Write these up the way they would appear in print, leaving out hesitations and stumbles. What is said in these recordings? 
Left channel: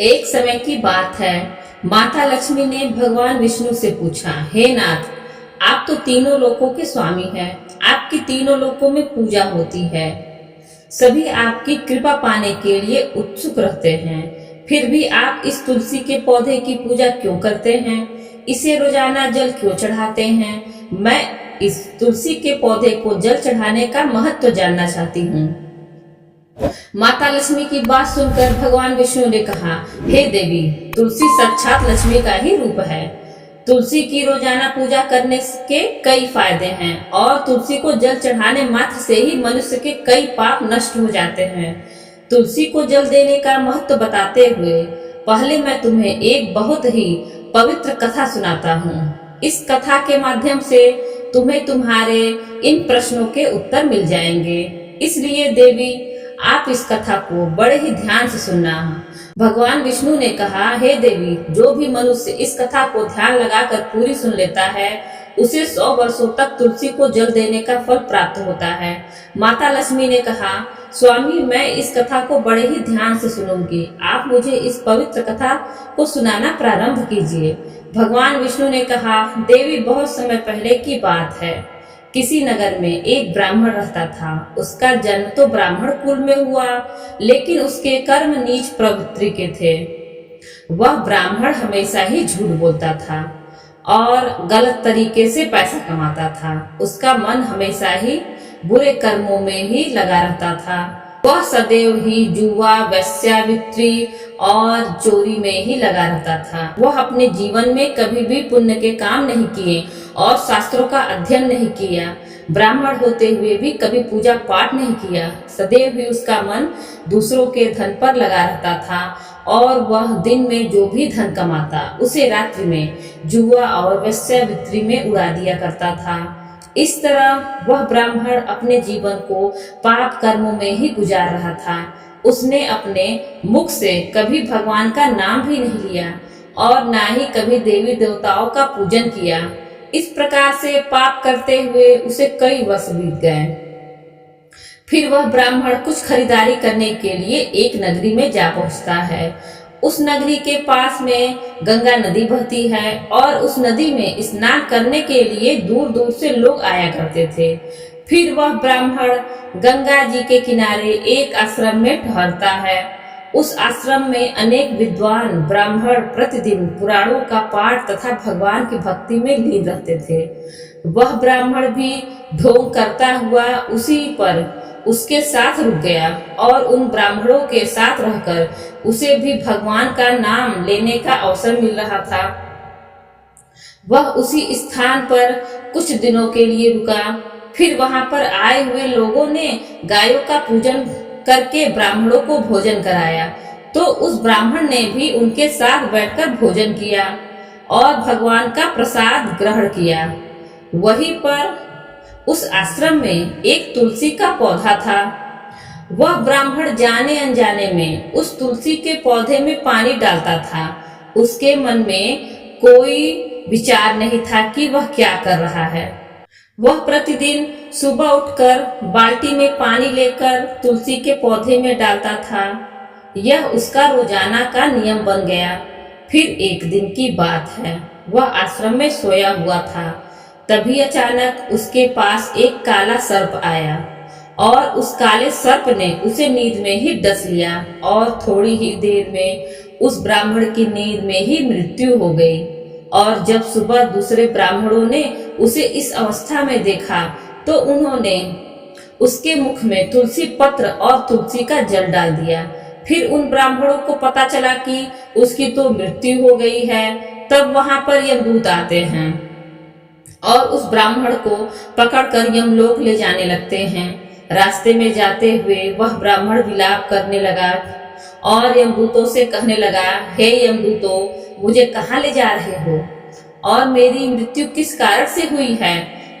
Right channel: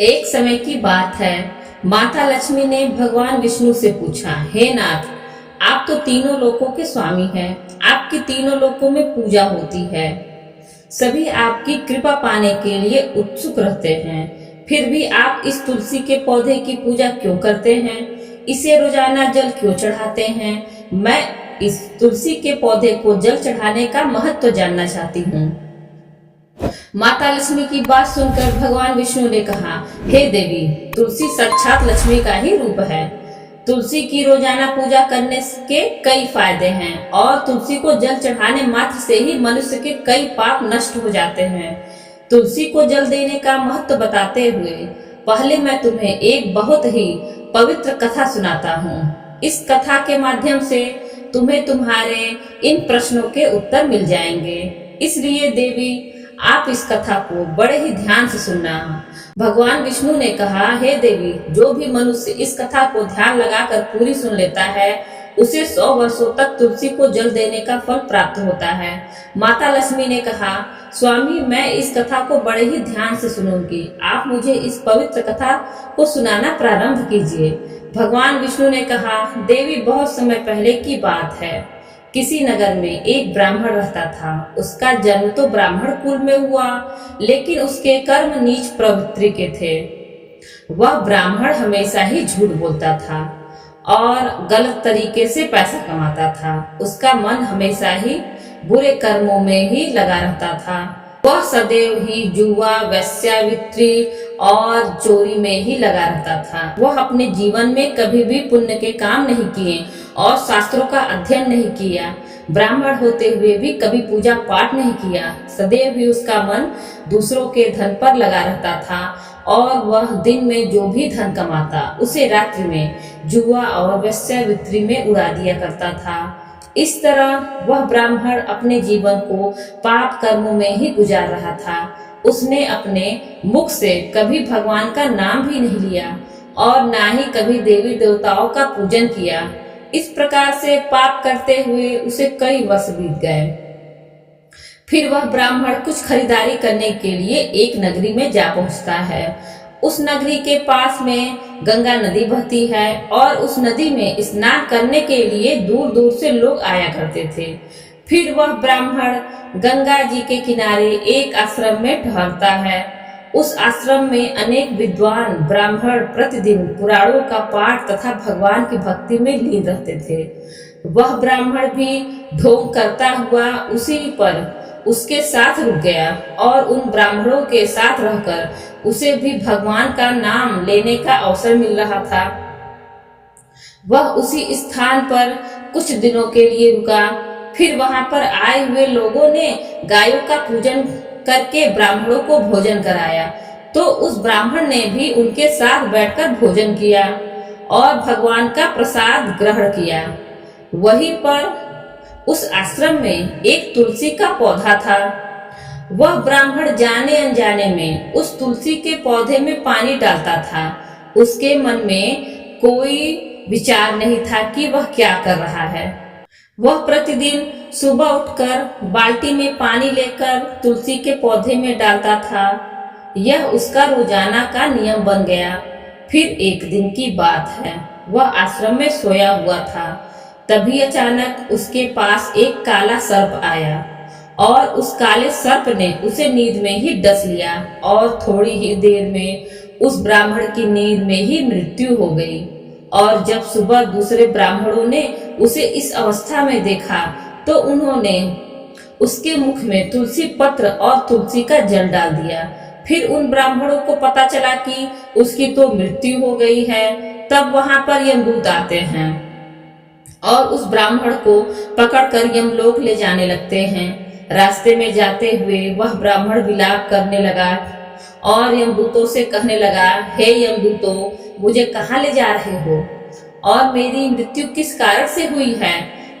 एक समय की बात है, माता लक्ष्मी ने भगवान विष्णु से पूछा, हे नाथ, आप तो तीनों लोकों के स्वामी हैं, आपकी तीनों लोकों में पूजा होती है, सभी आपकी कृपा पाने के लिए उत्सुक रहते हैं, फिर भी आप इस तुलसी के पौधे की पूजा क्यों करते हैं? इसे रोजाना जल क्यों चढ़ाते हैं? मैं इस तुलसी के पौधे को जल चढ़ाने का महत्व जानना चाहती हूँ। माता लक्ष्मी की बात सुनकर भगवान विष्णु ने कहा, हे देवी, तुलसी साक्षात लक्ष्मी का ही रूप है। तुलसी की रोजाना पूजा करने के कई फायदे हैं और तुलसी को जल चढ़ाने मात्र से ही मनुष्य के कई पाप नष्ट हो जाते हैं। तुलसी को जल देने का महत्व बताते हुए पहले मैं तुम्हें एक बहुत ही पवित्र कथा सुनाता हूँ। इस कथा के माध्यम से तुम्हें तुम्हारे इन प्रश्नों के उत्तर मिल जाएंगे। इसलिए देवी, आप इस कथा को बड़े ही ध्यान से सुनना। भगवान विष्णु ने कहा, हे देवी, जो भी मनुष्य इस कथा को ध्यान लगाकर पूरी सुन लेता है उसे 100 वर्षों तक तुलसी को जल देने का फल प्राप्त होता है। माता लक्ष्मी ने कहा, स्वामी, मैं इस कथा को बड़े ही ध्यान से सुनूंगी, आप मुझे इस पवित्र कथा को सुनाना प्रारंभ कीजिए। भगवान विष्णु ने कहा, देवी, बहुत समय पहले की बात है, किसी नगर में एक ब्राह्मण रहता था। उसका जन्म तो ब्राह्मण कुल में हुआ, लेकिन उसके कर्म नीच प्रवृत्ति के थे। वह ब्राह्मण हमेशा ही झूठ बोलता था और गलत तरीके से पैसा कमाता था। उसका मन हमेशा ही बुरे कर्मों में ही लगा रहता था। वह सदैव ही जुआ, वेश्यावृत्ति और चोरी में ही लगा रहता था। वह अपने जीवन में कभी भी पुण्य के काम नहीं किए और शास्त्रों का अध्ययन नहीं किया। ब्राह्मण होते हुए भी कभी पूजा पाठ नहीं किया। सदैव ही उसका मन दूसरों के धन पर लगा रहता था और वह दिन में जो भी धन कमाता उसे रात्रि में जुआ और वेश्यावृत्ति में उड़ा दिया करता था। इस तरह वह ब्राह्मण अपने जीवन को पाप कर्मों में ही गुजार रहा था। उसने अपने मुख से कभी भगवान का नाम भी नहीं लिया और ना ही कभी देवी देवताओं का पूजन किया। इस प्रकार से पाप करते हुए उसे कई वर्ष बीत गए। फिर वह ब्राह्मण कुछ खरीदारी करने के लिए एक नगरी में जा पहुंचता है। उस नगरी के पास में गंगा नदी बहती है और उस नदी में स्नान करने के लिए दूर दूर से लोग आया करते थे। फिर वह ब्राह्मण गंगा जी के किनारे एक आश्रम में ठहरता है। उस आश्रम में अनेक विद्वान ब्राह्मण प्रतिदिन पुराणों का पाठ तथा भगवान की भक्ति में लीन रहते थे। वह ब्राह्मण भी ढोंग करता हुआ उसी पर उसके साथ रुक गया और उन ब्राह्मणों के साथ रहकर उसे भी भगवान का नाम लेने का अवसर मिल रहा था। वह उसी स्थान पर कुछ दिनों के लिए रुका। फिर वहां पर आए हुए लोगों ने गायों का पूजन करके ब्राह्मणों को भोजन कराया, तो उस ब्राह्मण ने भी उनके साथ बैठकर भोजन किया और भगवान का प्रसाद ग्रहण किया। वहीं पर उस आश्रम में एक तुलसी का पौधा था। वह ब्राह्मण जाने अनजाने में उस तुलसी के पौधे में पानी डालता था। उसके मन में कोई विचार नहीं था कि वह क्या कर रहा है। वह प्रतिदिन सुबह उठकर बाल्टी में पानी लेकर तुलसी के पौधे में डालता था। यह उसका रोजाना का नियम बन गया। फिर एक दिन की बात है, वह आश्रम में सोया हुआ था। तभी अचानक उसके पास एक काला सर्प आया और उस काले सर्प ने उसे नींद में ही डस लिया और थोड़ी ही देर में उस ब्राह्मण की नींद में ही मृत्यु हो गई। और जब सुबह दूसरे ब्राह्मणों ने उसे इस अवस्था में देखा तो उन्होंने उसके मुख में तुलसी पत्र और तुलसी का जल डाल दिया। फिर उन ब्राह्मणों को पता चला कि उसकी तो मृत्यु हो गई है। तब वहां पर यमदूत आते हैं और उस ब्राह्मण को पकड़कर यमलोक ले जाने लगते हैं। रास्ते में जाते हुए वह ब्राह्मण विलाप करने लगा और यमदूतों से कहने लगा, हे यमदूतों, मुझे कहाँ ले जा रहे हो और मेरी मृत्यु किस कारण से हुई है?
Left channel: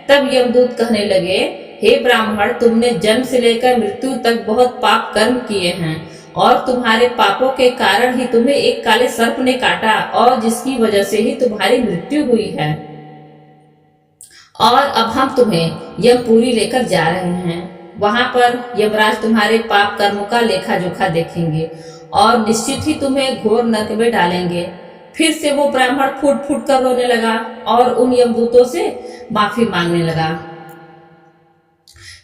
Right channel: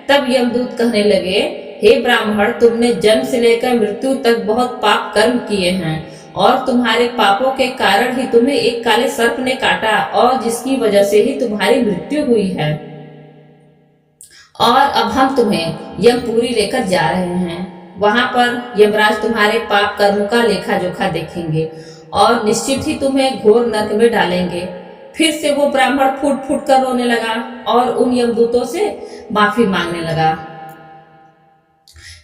तब यमदूत कहने लगे, हे ब्राह्मण, तुमने जन्म से लेकर मृत्यु तक बहुत पाप कर्म किए हैं और तुम्हारे पापों के कारण ही तुम्हें एक काले सर्प ने काटा और जिसकी वजह से ही तुम्हारी मृत्यु हुई है। और अब हम तुम्हें यमपुरी लेकर जा रहे हैं। वहां पर यमराज तुम्हारे पाप कर्मों का लेखा जोखा देखेंगे और निश्चित ही तुम्हें घोर नरक में डालेंगे। फिर से वो ब्राह्मण फूट फूट कर रोने लगा और उन यमदूतों से माफी मांगने लगा,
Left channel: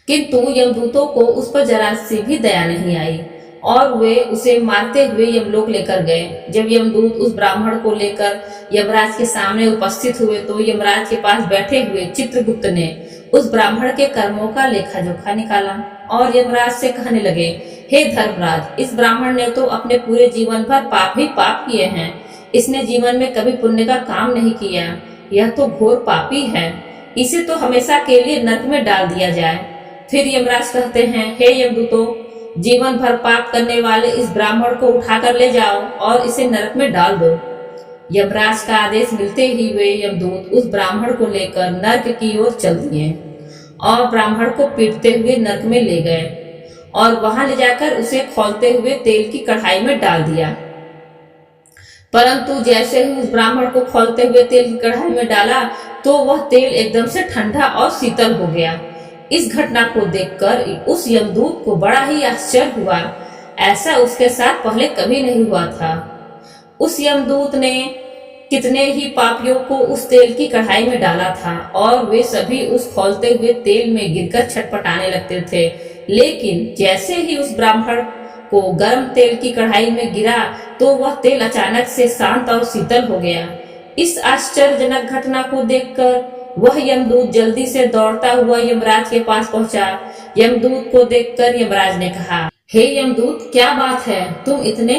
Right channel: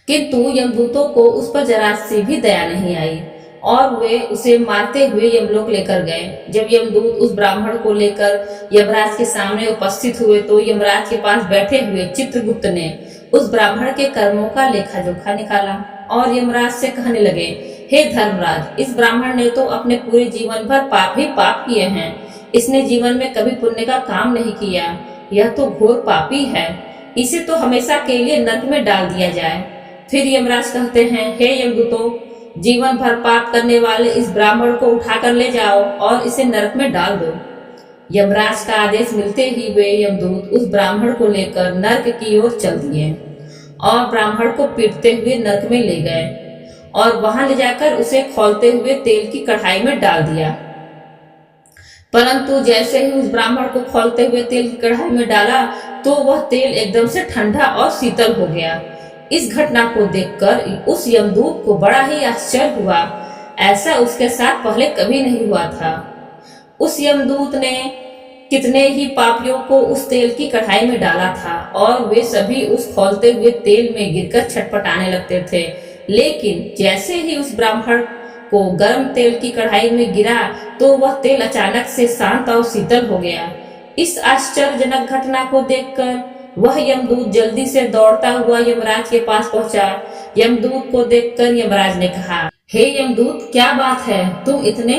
किंतु यमदूतों को उस पर जरा सी भी दया नहीं आई और वे उसे मारते हुए यमलोक लेकर गए। जब यमदूत उस ब्राह्मण को लेकर यमराज के सामने उपस्थित हुए तो यमराज के पास बैठे हुए चित्रगुप्त ने उस ब्राह्मण के कर्मों का लेखा जोखा निकाला और यमराज से कहने लगे, हे धर्मराज, इस ब्राह्मण ने तो अपने पूरे जीवन भर पाप ही पाप किए हैं। इसने जीवन में कभी पुण्य का काम नहीं किया। यह तो घोर पापी है। इसे तो हमेशा के लिए नरक में डाल दिया जाए। फिर यमराज कहते हैं, हे यमदूतों, जीवन भर पाप करने वाले इस ब्राह्मण को उठाकर ले जाओ और इसे नरक में डाल दो। यमराज का आदेश मिलते ही वे यमदूत उस ब्राह्मण को लेकर नरक की ओर चल दिए और ब्राह्मण को पीटते हुए नरक में ले गए और वहां ले जाकर उसे खौलते हुए तेल की कढ़ाई में डाल दिया। परंतु जैसे ही उस ब्राह्मण को खौलते हुए तेल की कढ़ाई में डाला तो वह तेल एकदम से ठंडा और शीतल हो गया। इस घटना को देखकर उस यमदूत को बड़ा ही आश्चर्य हुआ। ऐसा उसके साथ पहले कभी नहीं हुआ था। उस यमदूत ने कितने ही पापियों को उस तेल की कढ़ाई में डाला था और वे सभी उस खौलते हुए तेल में गिरकर छटपटाने लगते थे, लेकिन जैसे ही उस ब्राह्मण को गर्म तेल की कढ़ाई में गिरा तो वह तेल अचानक से शांत और शीतल हो गया। इस आश्चर्यजनक घटना को देखकर वह यमदूत जल्दी से दौड़ता हुआ यमराज के पास पहुंचा। यमदूत को देखकर यमराज ने कहा, हे यमदूत, क्या बात है, तुम इतने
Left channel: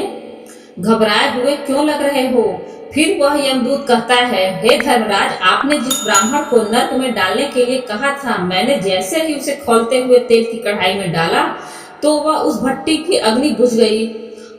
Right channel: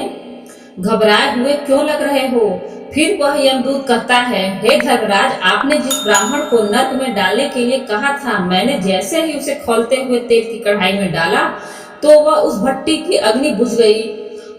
घबराए हुए क्यों लग रहे हो? फिर वह यमदूत कहता है, हे धर्मराज, आपने जिस ब्राह्मण को नरक में डालने के लिए कहा था, मैंने जैसे ही उसे खौलते हुए तेल की कढ़ाई में डाला तो वह उस भट्टी की अग्नि बुझ गई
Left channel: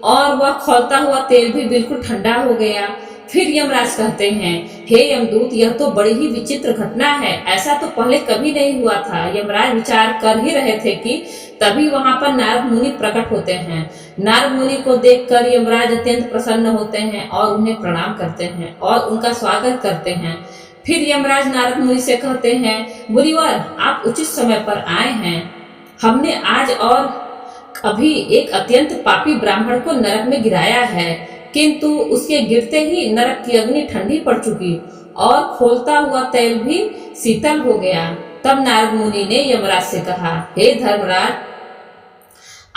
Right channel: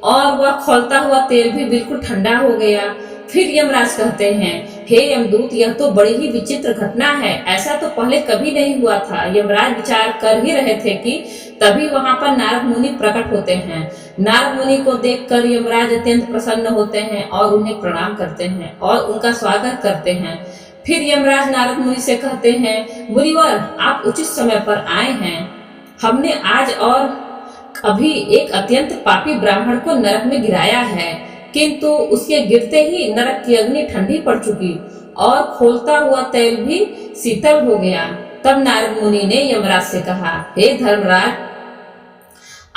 और वह खौलता हुआ तेल भी बिल्कुल ठंडा हो गया। फिर यमराज कहते हैं, हे यमदूत, यह तो बड़ी ही विचित्र घटना है। ऐसा तो पहले कभी नहीं हुआ था। यमराज विचार कर ही रहे थे कि तभी वहां पर नारद मुनि प्रकट होते हैं। नारद मुनि को देखकर यमराज अत्यंत प्रसन्न होते हैं और उन्हें प्रणाम करते हैं और उनका स्वागत करते हैं। फिर यमराज नारद मुनि से कहते हैं, मुनिवर, आप उचित समय पर आए हैं। हमने आज और अभी एक अत्यंत पापी ब्राह्मण को नरक में गिराया है, किंतु उसके गिरते ही नरक की अग्नि ठंडी पड़ चुकी और खोलता हुआ तेल भी शीतल हो गया। तब नारद मुनि ने यमराज से कहा, हे धर्मराज,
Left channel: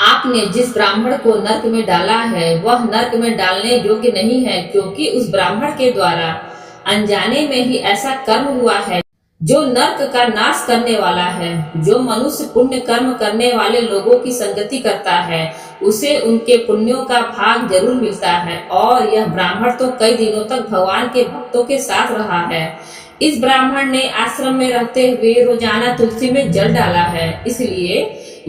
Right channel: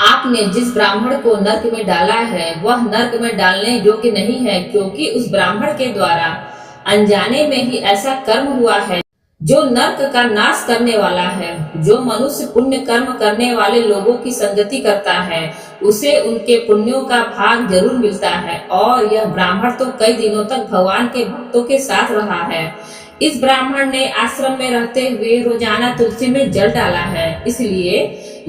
आपने जिस ब्राह्मण को नरक में डाला है वह नरक में डालने योग्य नहीं है, क्योंकि उस ब्राह्मण के द्वारा अनजाने में ही ऐसा कर्म हुआ है जो नरक का नाश करने वाला है। जो मनुष्य पुण्य कर्म करने वाले लोगों की संगति करता है उसे उनके पुण्यों का भाग जरूर मिलता है, और यह ब्राह्मण तो कई दिनों तक भगवान के भक्तों के साथ रहा है। इस ब्राह्मण ने आश्रम में रहते हुए रोजाना तुलसी में जल डाला है, इसलिए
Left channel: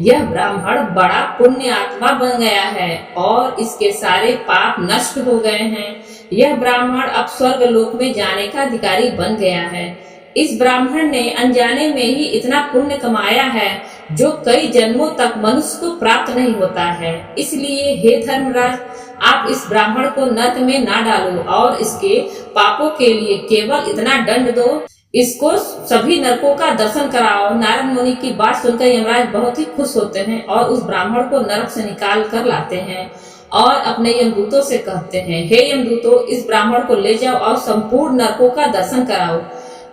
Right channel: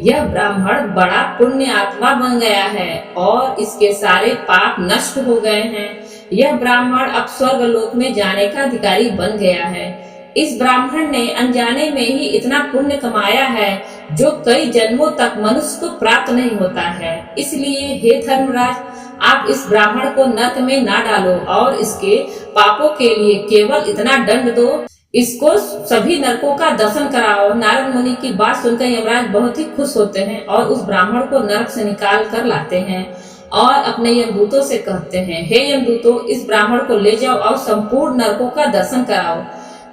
यह ब्राह्मण बड़ा पुण्य आत्मा बन गया है और इसके सारे पाप नष्ट हो गए हैं। यह ब्राह्मण अब स्वर्ग लोक में जाने का अधिकारी बन गया है। इस ब्राह्मण ने अनजाने में ही इतना पुण्य कमाया है जो कई जन्मों तक मनुष्य को प्राप्त नहीं होता है। इसलिए हे धर्मराज, आप इस ब्राह्मण को नरक में ना डालो और इसके पापों के लिए केवल इतना दंड दो, इसको सभी नरकों का दर्शन कराओ। नारद मुनि की बात सुनकर यमराज बहुत ही खुश होते हैं और उस ब्राह्मण को नरक से निकाल कर लाते हैं और अपने यमदूतों से कहते हैं, हे यमदूतों, इस ब्राह्मण को ले जाओ और संपूर्ण नरकों का दर्शन कराओ।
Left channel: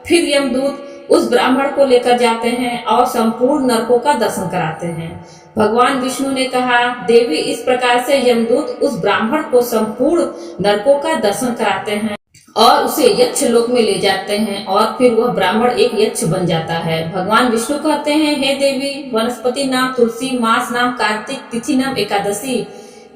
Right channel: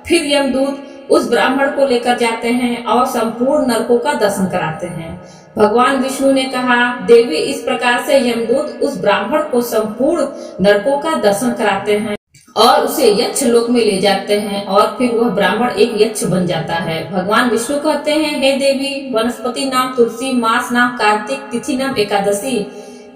फिर यमदूत उस ब्राह्मण को लेकर जाते हैं और संपूर्ण नरकों का दर्शन कराते हैं। भगवान विष्णु ने कहा, देवी, इस प्रकार से यमदूत उस ब्राह्मण को संपूर्ण नरकों का दर्शन कराते हैं और उसे यक्ष लोक में ले जाते हैं और फिर वह ब्राह्मण एक यक्ष बन जाता है। भगवान विष्णु कहते हैं, हे देवी, वनस्पति नाम तुलसी, मास नाम कार्तिक, तिथि नाम एकादशी।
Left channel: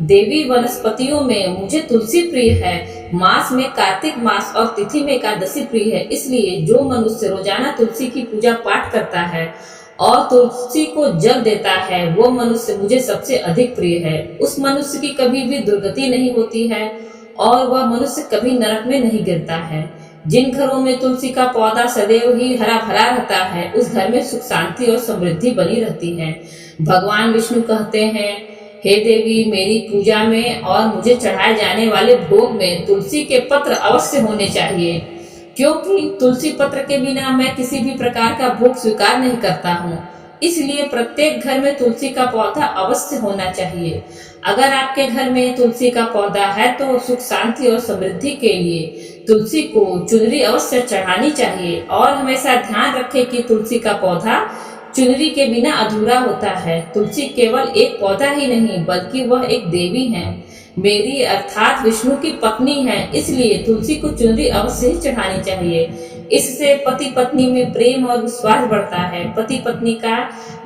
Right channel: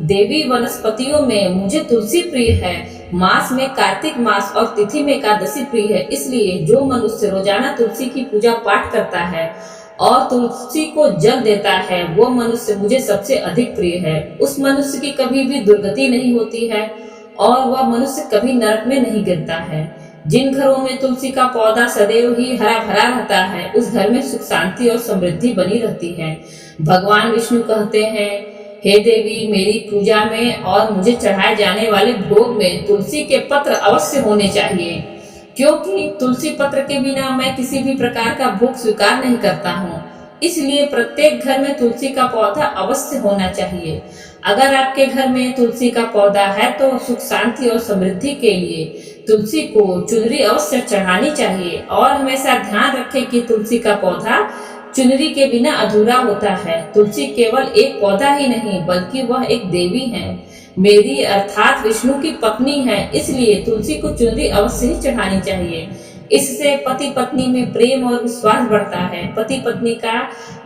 देवी, वनस्पतियों में मुझे तुलसी प्रिय है, मास में कार्तिक मास और तिथि में एकादशी प्रिय है। इसलिए जो मनुष्य रोजाना तुलसी की पूजा पाठ करता है और तुलसी को जल देता है वो मनुष्य मुझे सबसे अधिक प्रिय है। उस मनुष्य की कभी भी दुर्गति नहीं होती है और वह मनुष्य कभी नरक में नहीं गिरता है। जिन घरों में तुलसी का पौधा सदैव ही हरा भरा रहता है उस घर में सुख शांति और समृद्धि बनी रहती है। भगवान विष्णु कहते हैं, हे देवी, मेरी पूजा में और मुझे चढ़ाए जाने वाले भोग में तुलसी के पत्र अवश्य होने चाहिए, क्योंकि तुलसी पत्र के बिना मैं किसी भी प्रकार का भोग स्वीकार नहीं करता हूँ। इसलिए प्रत्येक घर में तुलसी का पौधा अवश्य होना चाहिए। अगर आपके घर में तुलसी का पौधा है तो सुख शांति और समृद्धि के लिए तुलसी को चुनरी अवश्य चढ़ानी चाहिए। और हमेशा ध्यान रखें कि तुलसी का पौधा चुनरी के बिना अधूरा होता है। तुलसी केवल एक पौधा ही नहीं बल्कि वह एक देवी है, मेरी अर्थात विष्णु की पत्नी है। इसलिए तुलसी को चुनरी अवश्य ही चढ़ानी चाहिए। इससे पति पत्नी में प्रेम और विश्वास बढ़ता है। पति पत्नी का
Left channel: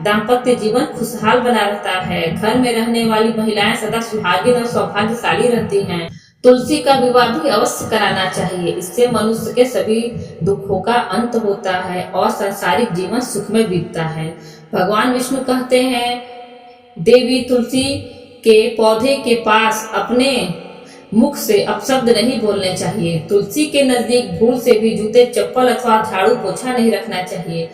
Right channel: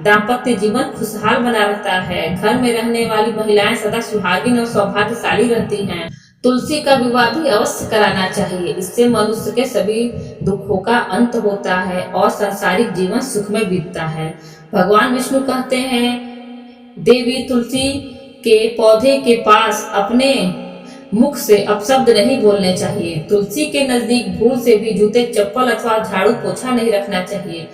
दाम्पत्य जीवन खुशहाल बना रहता है। घर में रहने वाली महिलाएं सदा सुहागिन और सौभाग्यशाली रहती हैं। तुलसी का विवाह भी अवश्य कराना चाहिए। इससे मनुष्य के सभी दुखों का अंत होता है और सांसारिक जीवन सुख में बीतता है। भगवान विष्णु कहते हैं, देवी तुलसी के पौधे के पास अपने मुख से अपशब्द नहीं बोलने चाहिए। तुलसी के नजदीक भूल से भी जूते चप्पल अथवा झाड़ू पोछा नहीं रखना चाहिए,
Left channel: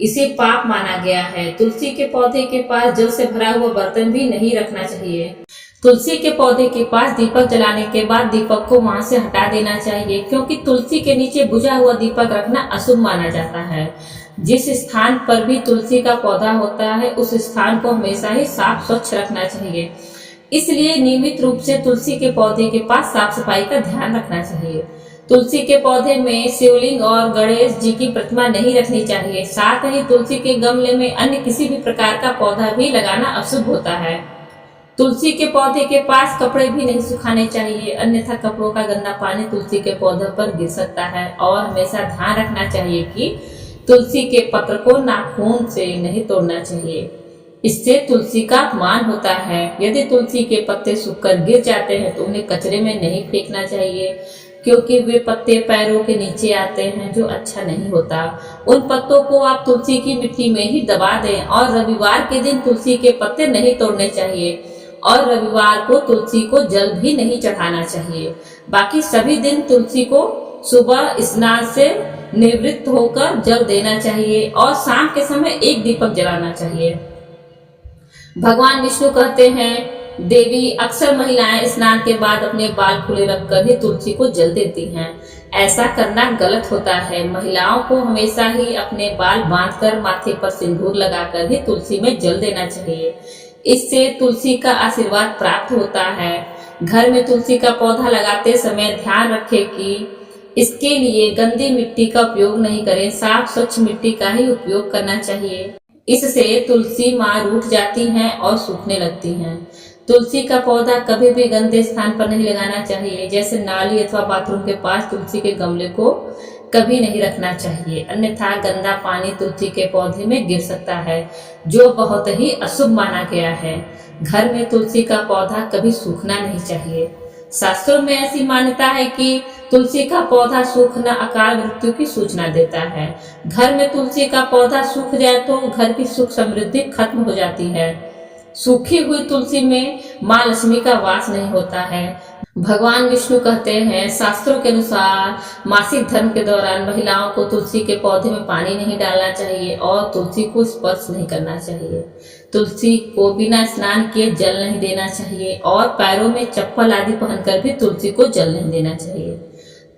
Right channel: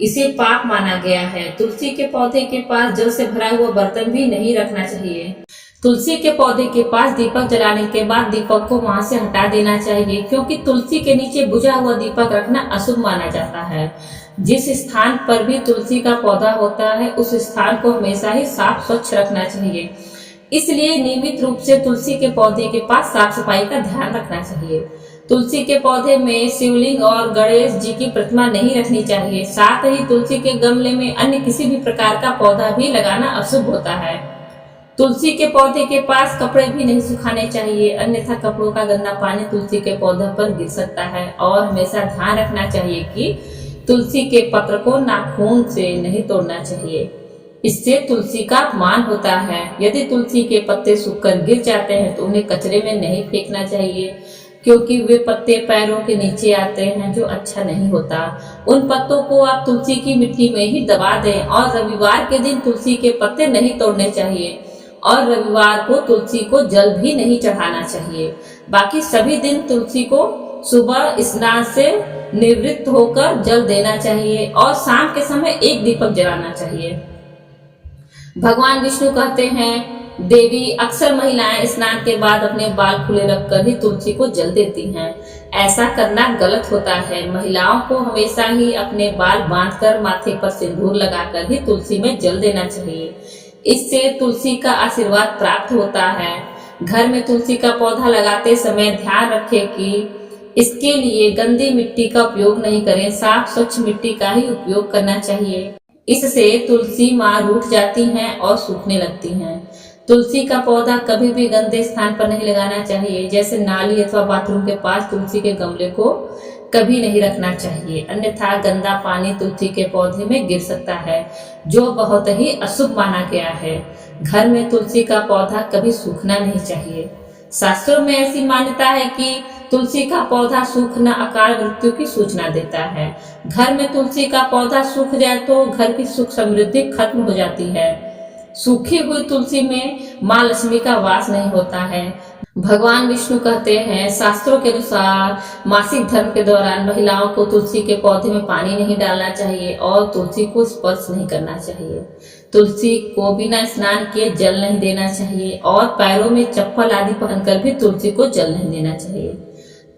इसे पाप माना गया है। तुलसी के पौधे के पास जल से भरा हुआ बर्तन भी नहीं रखना चाहिए। तुलसी के पौधे के पास दीपक जलाने के बाद दीपक को वहां से हटा देना चाहिए, क्योंकि तुलसी के नीचे बुझा हुआ दीपक रखना अशुभ माना जाता है। जिस स्थान पर भी तुलसी का पौधा होता है उस स्थान को हमेशा ही साफ स्वच्छ रखना चाहिए। इसलिए नियमित रूप से तुलसी के पौधे के पास साफ सफाई का ध्यान रखना चाहिए। तुलसी के पौधे में शिवलिंग और गणेश जी की प्रतिमा नहीं रखनी चाहिए। साथ ही तुलसी के गमले में अन्य किसी भी प्रकार का पौधा भी लगाना अशुभ होता है। तुलसी के पौधे के पास कपड़े भी नहीं सुखाने चाहिए, अन्यथा कपड़ों का गंदा पानी तुलसी के पौधे पर गिर सकता है। और हमेशा ध्यान रखना चाहिए कि तुलसी के पत्र को नाखून से नहीं तोड़ना चाहिए, इससे तुलसी का अपमान होता है। यदि तुलसी के पत्ते सूखकर गिर जाते हैं तो उन्हें कचरे में नहीं फेंकना चाहिए, क्योंकि वे पत्ते पैरों के नीचे आते हैं, जो अच्छा नहीं होता। उन पत्तों को आप तुलसी की मिट्टी में ही दबा दें। और रविवार के दिन तुलसी के पत्ते नहीं तोड़ने चाहिए और रविवार को तुलसी को जल भी नहीं चढ़ाना चाहिए। बाकी सभी दिन तुलसी को सुबह स्नान से निवृत्त होकर जल देना चाहिए और शाम के समय एक दीपक जलाना चाहिए। भगवान विष्णु कहते हैं, देवी अक्सर महिलाएं स्नान के बाद अपने बाल खुले रखकर ही तुलसी को जल देती हैं। ऐसा करना गलत होता है। महिलाओं को हमेशा ही अपने बाल बांधकर माथे पर सिंदूर लगाकर ही तुलसी में जल देना चाहिए। इससे तुलसी का आशीर्वाद प्राप्त होता है। घर में तुलसी का पौधा लगाते समय ध्यान रखें कि इसके लिए गंदी मिट्टी का उपयोग नहीं करें, साफ स्वच्छ मिट्टी का ही उपयोग करना चाहिए। इससे तुलसी माँ रूठ जाती हैं और सूखने लगती हैं। तुलसी का पौधा कभी भी गंदे स्थान पर नहीं लगाना चाहिए, जैसे नाली अथवा बाथरूम के पास तुलसी के गमले को कभी नहीं रखना चाहिए, अन्यथा गंदा पानी तुलसी के पौधे में गिर सकता है, जो बहुत ही अशुभ माना गया है। घर में तुलसी का पौधा कभी सूखना नहीं चाहिए। शास्त्रों में ऐसी मान्यता है कि तुलसी का पौधा सूखना अकाल मृत्यु की सूचना देता है। घर में तुलसी का पौधा सूख जाए तो घर की सुख समृद्धि खत्म हो जाती है। सूखी हुई तुलसी में माँ लक्ष्मी का वास नहीं होता है। भगवान विष्णु कहते हैं, शास्त्रों के अनुसार मासिक धर्म के दौरान महिलाओं को तुलसी के पौधे में पानी नहीं डालना चाहिए और तुलसी को स्पर्श नहीं करना चाहिए। तुलसी को बिना स्नान किए जल नहीं देना चाहिए और पैरों में चप्पल आदि पहनकर भी तुलसी को जल नहीं देना चाहिए।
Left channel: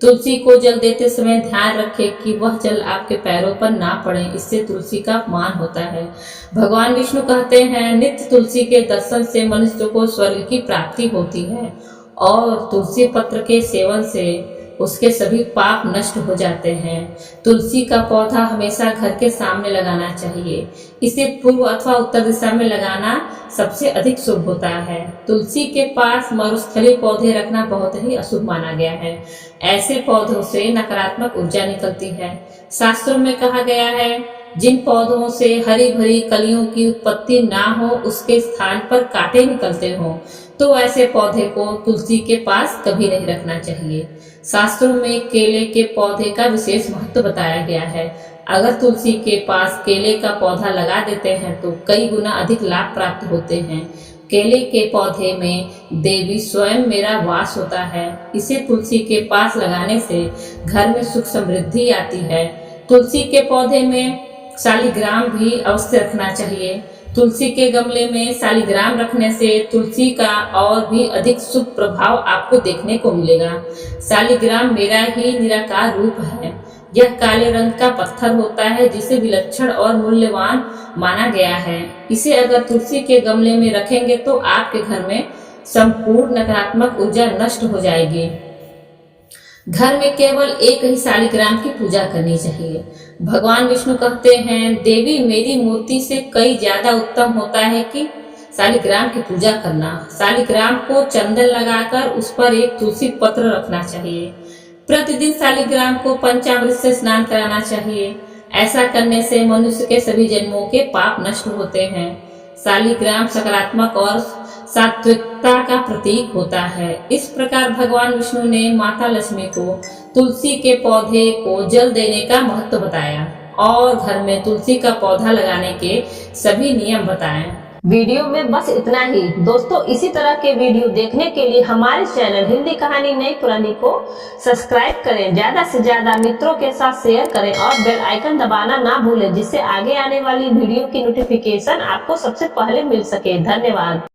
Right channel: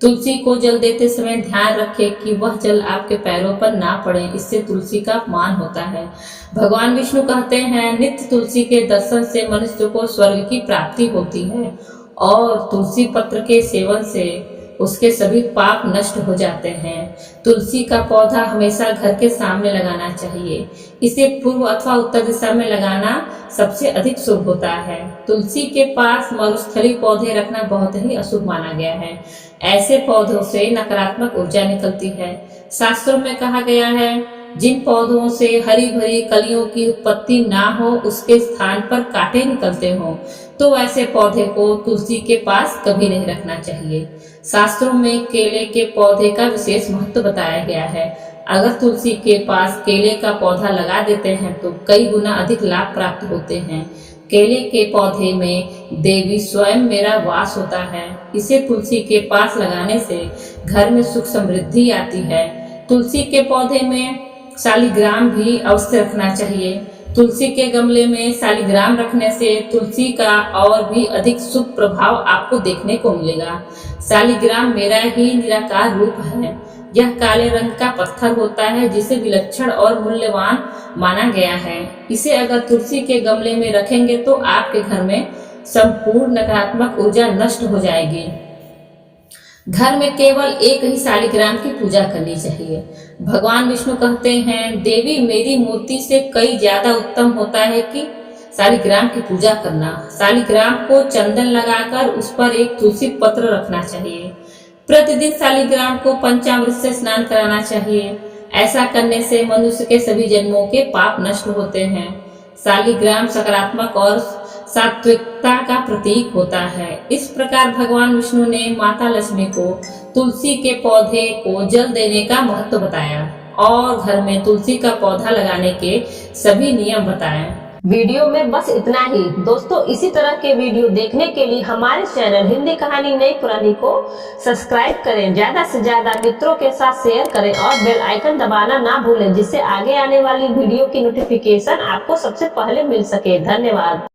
तुलसी को जल देते समय ध्यान रखें कि वह जल आपके पैरों पर ना पड़े, इससे तुलसी का अपमान होता है। भगवान विष्णु कहते हैं, नित्य तुलसी के दर्शन से मनुष्य को स्वर्ग की प्राप्ति होती है और तुलसी पत्र के सेवन से उसके सभी पाप नष्ट हो जाते हैं। तुलसी का पौधा हमेशा घर के सामने लगाना चाहिए। इसे पूर्व अथवा उत्तर दिशा में लगाना सबसे अधिक शुभ होता है। तुलसी के पास मरुस्थलीय पौधे रखना बहुत ही अशुभ माना गया है। ऐसे पौधों से नकारात्मक ऊर्जा निकलती है। शास्त्रों में कहा गया है, जिन पौधों से हरी भरी कलियों की उत्पत्ति ना हो उसके स्थान पर कांटे निकलते हों, तो ऐसे पौधे को तुलसी के पास कभी नहीं रखना चाहिए। शास्त्रों में केले के पौधे का विशेष महत्व बताया गया है। अगर तुलसी के पास केले का पौधा लगा देते हैं तो कई गुना अधिक लाभ प्राप्त होते हैं। केले के पौधे में देवी स्वयं मेरा वास होता है। इसे तुलसी के पास लगाने से घर में सुख समृद्धि आती है। तुलसी के पौधे में शालिग्राम भी अवश्य रखना चाहिए। तुलसी के गमले में शालिग्राम रखने से तुलसी का और भी अधिक शुभ प्रभाव आपको देखने को मिलेगा। शालिग्राम मेरा ही निराकार रूप है। यह काले रंग का पत्थर होता है जिसे विलक्षण और मूल्यवान माना गया है। इसे अगर तुलसी के गमले में रखेंगे तो आपके घर में संपूर्ण नकारात्मक ऊर्जा नष्ट हो जाएगी। घर में केवल एक ही शालिग्राम की पूजा करनी चाहिए। भगवान विष्णु कहते हैं, देवी मेरी मूर्ति से कई ज्यादा उत्तम होता है कि शालिग्राम की पूजा करना। शालिग्राम को चंदन लगाकर उस पर एक तुलसी पत्र रखना चाहिए। प्रतिदिन शालिग्राम को पंचामृत से स्नान कराना चाहिए। ऐसा करने से मनुष्य के सभी जन्मों के पाप नष्ट होते हैं। शालिग्राम सकारात्मक और सात्विकता का प्रतीक होता है। इस प्रकार भगवान विष्णु ने माता लक्ष्मी को तुलसी के पौधे को जल देने का महत्व बताया और घर में तुलसी का पौधा लगाने के सभी नियम बताए। वीडियो में बस इतना ही। दोस्तों, इसी तरह के वीडियो देखने के लिए हमारे चैनल हिंदी कहानी नई पुरानी को सब्सक्राइब करें, ज्यादा से ज्यादा मित्रों के साथ शेयर करें और बेल आइकन दबाना ना भूलें, जिससे आगे आने वाली वीडियो की नोटिफिकेशन आपको सबसे पहले मिल सके। धन्यवाद।